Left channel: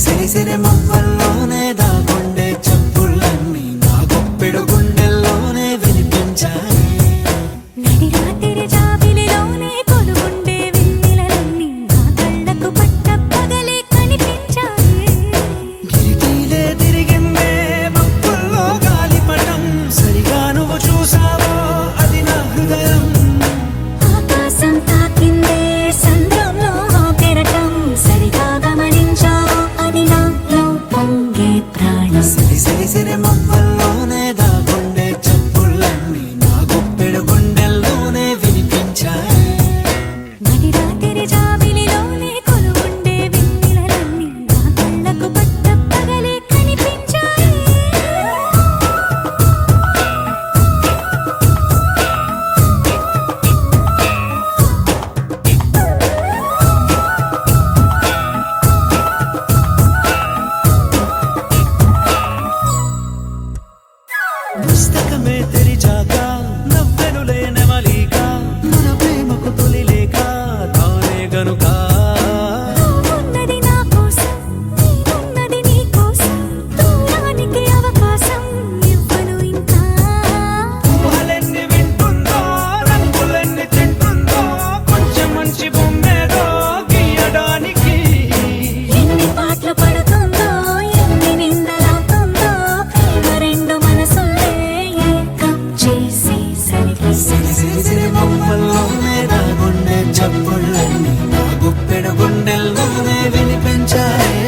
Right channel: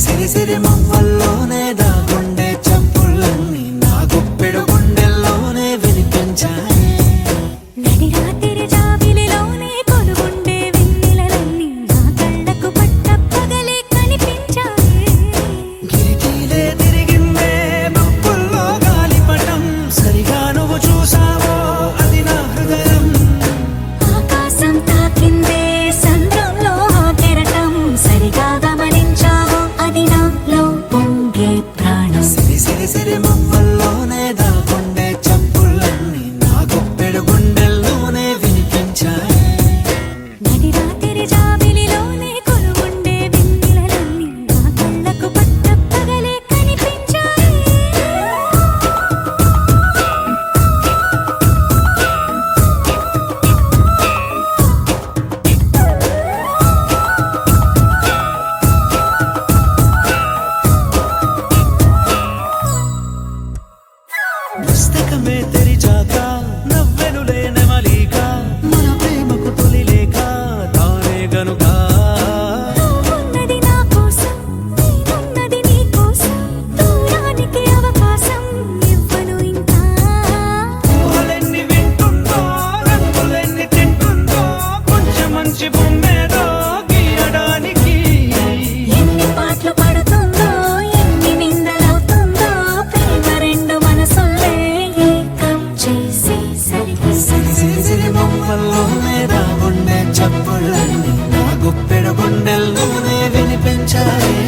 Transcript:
సిరి సిరి మువ్వల్లోనే దాగుండే చప్పుళ్ళన్నీ నా గుప్పెడు గుండెల్లోనే వినిపించాయి. నడి రాత్రి జాబిలిలోనే కొలువుండే వెన్నెలలన్నీ నా కళ్ళకు పట్టపగలే కనిపించాయి. గిరిటీలే తిరిగిందే ముప్పుల్లో గాలిపటం, సరిగా నువ్వు చూసావో అది నా హృదయం. ఆకాశం తాకిందే సంద్రంలో ఆ కెరటం, సరిగా గమనించావో అది నాలో పొంగే ప్రాణం. సిరి సిరి సిరి మువ్వల్లోనే దాగుండే చప్పుళ్ళన్నీ నా గుప్పెడు గుండెల్లోనే వినిపించాయి. నడి రాత్రి జాబిలిలోనే కొలువుండే వెన్నెలలన్నీ నా కళ్ళకు పట్టపగలే కనిపించాయి. పుస్తకమే తెరిచాక నవ్వెనులే నెమలిక, మన ప్రేమకు తొలి లేఖ తానే గనుక. నువ్వున్నది నా కోసం, నేనున్నది నీ కోసం, దూరానికి అవకాశం ఇవ్వను ఇంకా. ఊహలెన్ని వింటుందో, రంగులెన్ని తింటుందో, కొంచెం మంచి బొమ్మేదో గీయడానికి. ఎన్ని పాటలు పడుతుందో, ఎన్ని నిందలవుతుందో, ప్రేమ రెండు మనసులే ఏకం చేసేసరికి. సిరి సిరి సిరి మువ్వల్లోనే దాగుండే చప్పుళ్ళన్నీ నా గుప్పెడు గుండెల్లోనే వినిపించాయి.